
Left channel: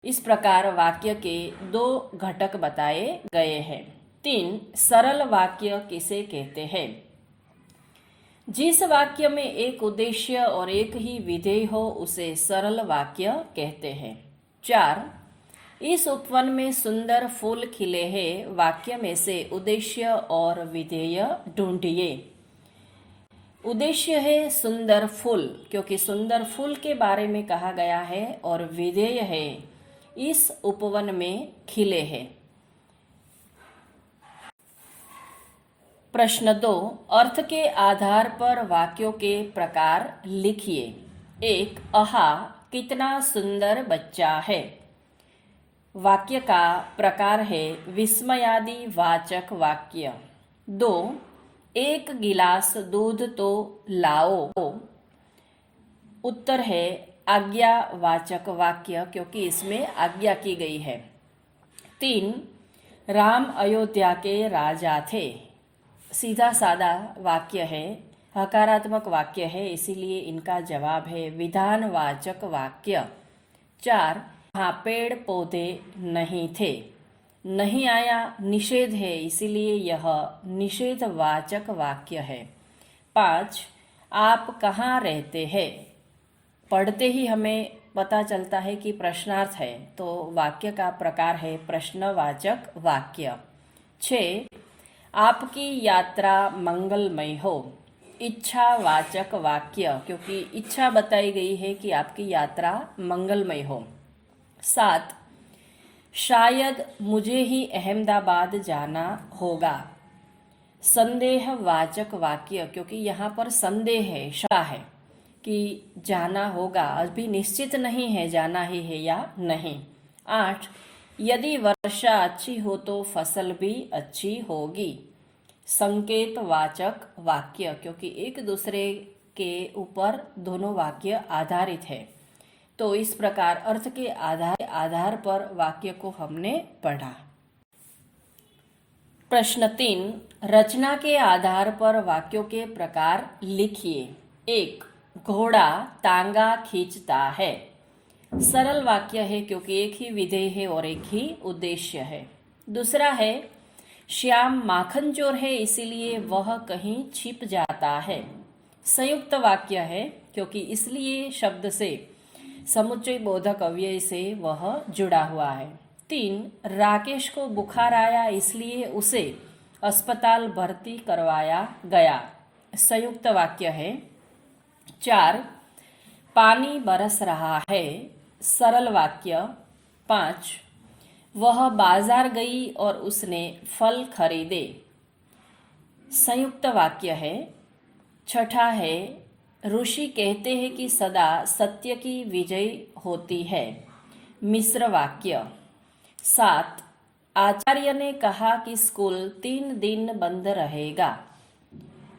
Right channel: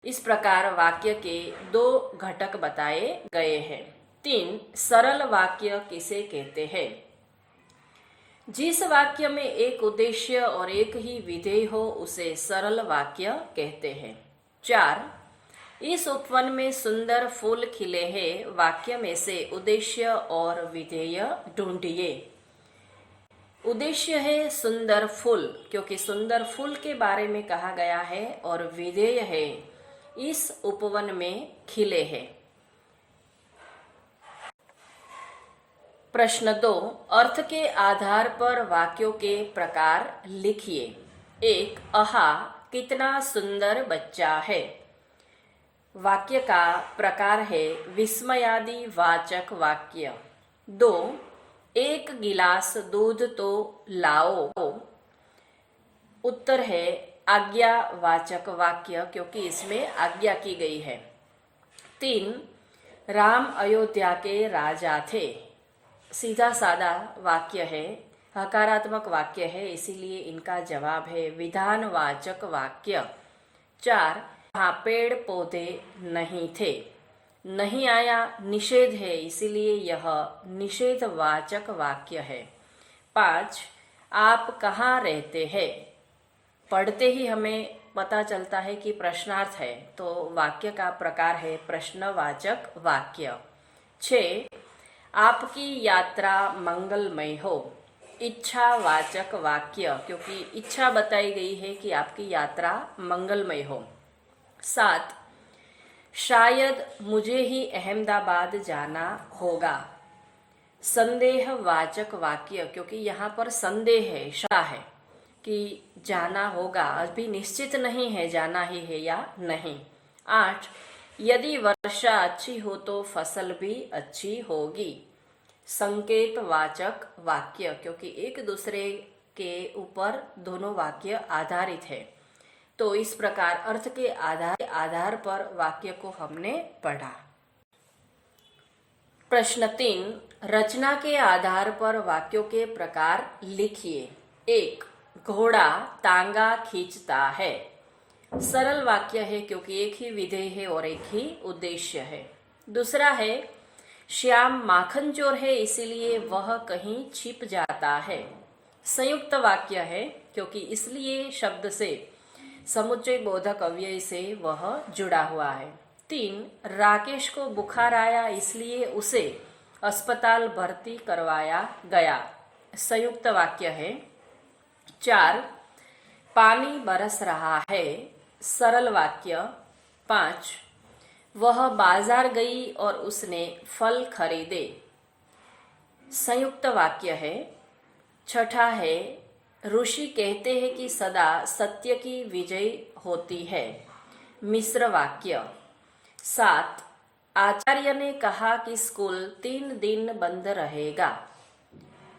इस प्रकार वाक्य के 2 घटक बताए गए हैं। 3, सरल वाक्य किसे कहते हैं? जिस वाक्य में एक उद्देश्य और एक ही विधेय हो उसे सरल वाक्य कहते हैं। 4, इस उपवन में सुंदर फूल खिले हैं, वाक्य में से उद्देश्य और विधेय ढूंढिए। उद्देश्य है सुंदर फूल, क्योंकि सुंदर फूल के बारे में कहा गया है, और विधेय है इस उपवन में खिले हैं। प्रश्न 2, अर्थ के आधार पर वाक्यों के प्रकार लिखिए। 1, आहा कितना सुंदर बच्चा है। वाक्य का प्रकार है विस्मयादि वाचक वाक्य। 2, 1 गिलास दूध तो लाओ। उत्तर है आज्ञावाचक वाक्य, क्योंकि इसमें आज्ञा की गई है। 3, राम अयोध्या के राजा थे। सीधा सादा वाक्य है, हकारात्मक वाक्य है, इसीलिए इनका जवाब है विधानवाचक वाक्य। 4, वहाँ पेड़ पौधे नहीं थे। नहीं आया निषेध है, इसीलिए यह निषेधवाचक वाक्य है। 5, आप कहाँ रहते हैं। पढ़ते ही हमें पता चलता है कि प्रश्नार्थ है, तो वाक्य का प्रकार है प्रश्नवाचक वाक्य। 6, आपकी यात्रा मंगलमय हो। इच्छावाचक वाक्य, क्योंकि इच्छा बताई गई है कि आपकी यात्रा मंगलमय हो। 7, शायद मुझे ही अहमदाबाद जाना होगा। संदेहवाचक वाक्य, क्योंकि यहाँ पर संदेह है, शंका है कि जाना होगा, अभी निश्चित नहीं है जाना ही है या नहीं। 8, यदि वर्षा अच्छी हो तो फसल भी अच्छी होगी। संकेतवाचक वाक्य, क्योंकि एक दूसरे के ऊपर दोनों वाक्य आधारित है, तो इस प्रकार अर्थ के आधार पर वाक्य को हमने पढ़ा। प्रश्न 3, रचना के आधार पर वाक्यों के प्रकार लिखिए। 1, घोड़ा तांगा खींचता है। सरल वाक्य है, क्योंकि एक ही विधेय है और एक ही उद्देश्य है। दूसरा है श्याम माखन चोर है इसीलिए वह कहीं छिप जाता है। संयुक्त वाक्य है क्योंकि इसलिए शब्द से समुच्चय बोधक अव्यय से वह जुड़ा हुआ है। 3. राकेश को बुखार आया इसलिए उसे अस्पताल भर्ती करवाया गया। संयुक्त वाक्य है। 4. पानी बरस रहा है। सरल वाक्य। 5. वह बाजार गई और उसने फल खरीदे। संयुक्त वाक्य है। 6 है ऋषि कहते हैं कि सदा सत्य की विजय होती है। मिश्र वाक्य। 7. आचार्य ने कहा कि स्कूल 3 दिन बंद रहेगा।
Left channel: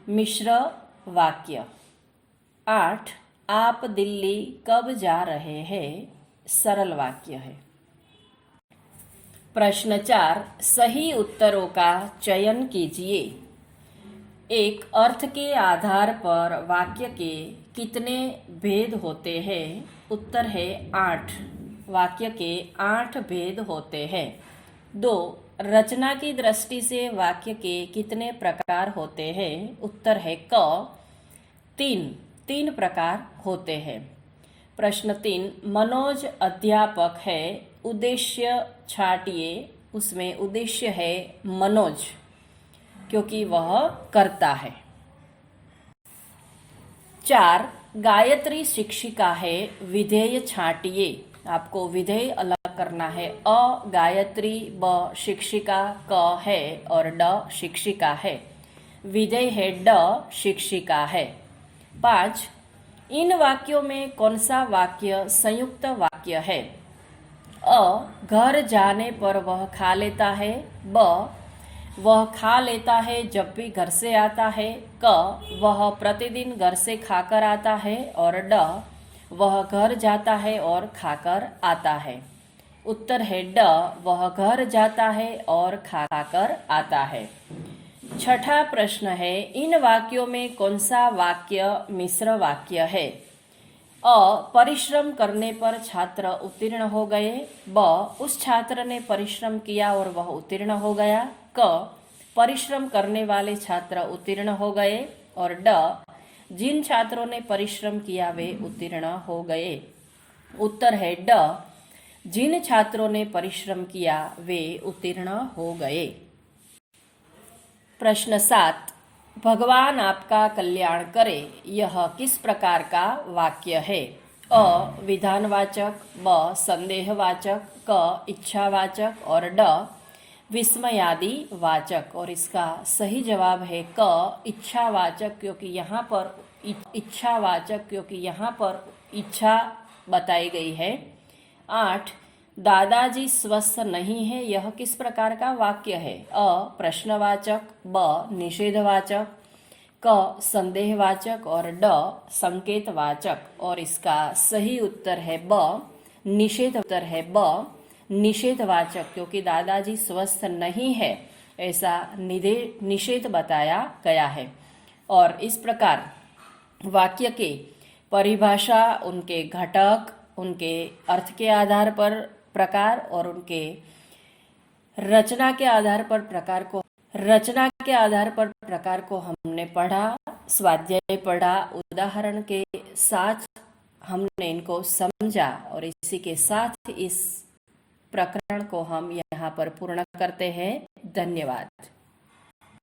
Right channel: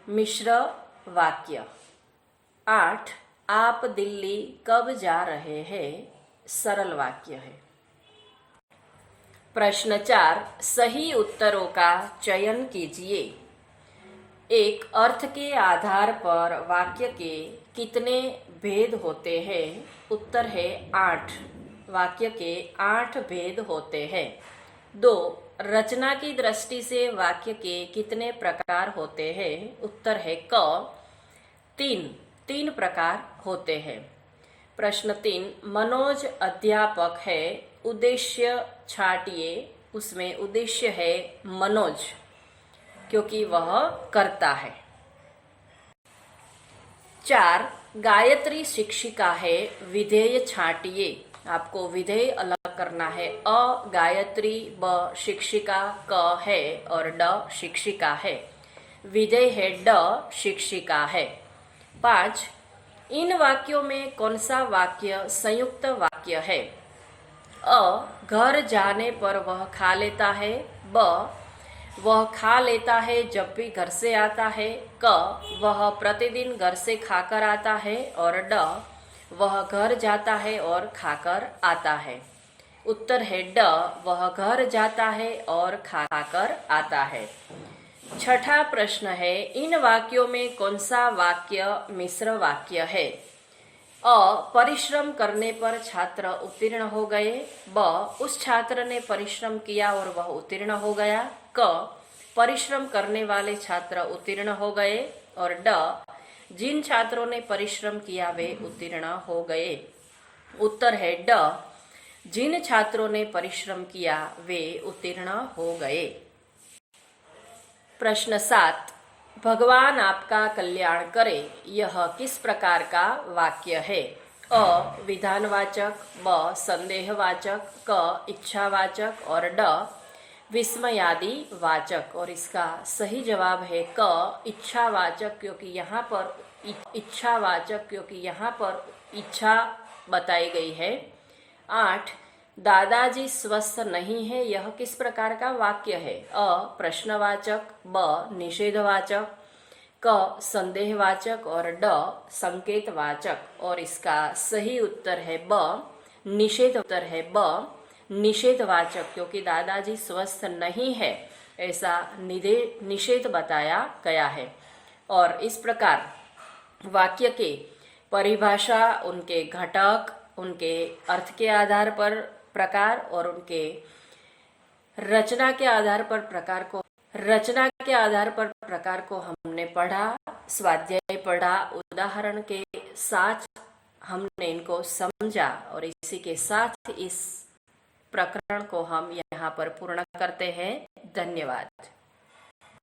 मिश्र वाक्य। 8. आप दिल्ली कब जा रहे हैं। सरल वाक्य है। प्रश्न 4 सही उत्तरों का चयन कीजिए। 1. अर्थ के आधार पर वाक्य के कितने भेद होते हैं। उत्तर है 8। वाक्य के 8 भेद होते हैं। 2. रचना की दृष्टि से वाक्य के कितने प्रकार होते हैं। उत्तर है क। 3 प्रकार होते हैं। प्रश्न 3 मनोज अध्यापक है उद्देश्य छाटिए। उसमें उद्देश्य है मनोज क्योंकि वह करता है। 4 गायत्री शिक्षिका है विधेय छाटिए। आपको विधेय अलग करना है। अ गायत्री, ब शिक्षिका, क है और ड शिक्षिका है। विधेय है ड शिक्षिका है। 5 इन वाक्यों में कौन सा वाक्य संयुक्त वाक्य है। अ घर जाने पर वह खा लेता है। ब वह खा लेता है जब भी घर से आता है। क वह प्रतिदिन घर से खाकर आता है। और ड वह घर जाता है और खाकर आता है। उत्तर है ड वह घर जाता है और खाकर आता है। 6 प्रश्न है इन वाक्यों में कौन सा वाक्य मिश्र वाक्य है। अ परिश्रम करने पर छात्र उत्तीर्ण हो गए। ब उस छात्र ने परिश्रम किया और वह उत्तीर्ण हो गया। क परिश्रम करने वाले छात्र उत्तीर्ण हो गए। और ड जिन छात्रों ने परिश्रम किया वे उत्तीर्ण हो गए। उत्तर है ड जिन छात्रों ने परिश्रम किया वे उत्तीर्ण हो गए। प्रश्न 7 भगवान आपका कल्याण करे यह किस प्रकार का वाक्य है। अ विधानवाचक, ब संदेहवाचक, क इच्छावाचक और ड विस्मयादि वाचक। और इसका सही जवाब है क इच्छावाचक क्योंकि यहाँ पर इच्छा बताई गई है। 8 दादाजी स्वस्थ नहीं है यह किस प्रकार का वाक्य है। अ प्रश्नवाचक, ब निषेधवाचक, क संदेहवाचक और ड संकेतवाचक। और इसका सही उत्तर है निषेधवाचक क्योंकि दादाजी स्वस्थ नहीं है ऐसा निषेध बताया गया है। और इस प्रकार वाक्य के परिभाषा, उनके घटक, उनके अर्थ के आधार पर प्रकार और उनके रचना के आधार पर प्रकार को हमने पढ़ा, स्वाध्याय पढ़ा, उदाहरण के साथ हमने इनको समझा और इसी के साथ इस प्रकरण को हम यहाँ पर पूर्ण करते हैं। धन्यवाद।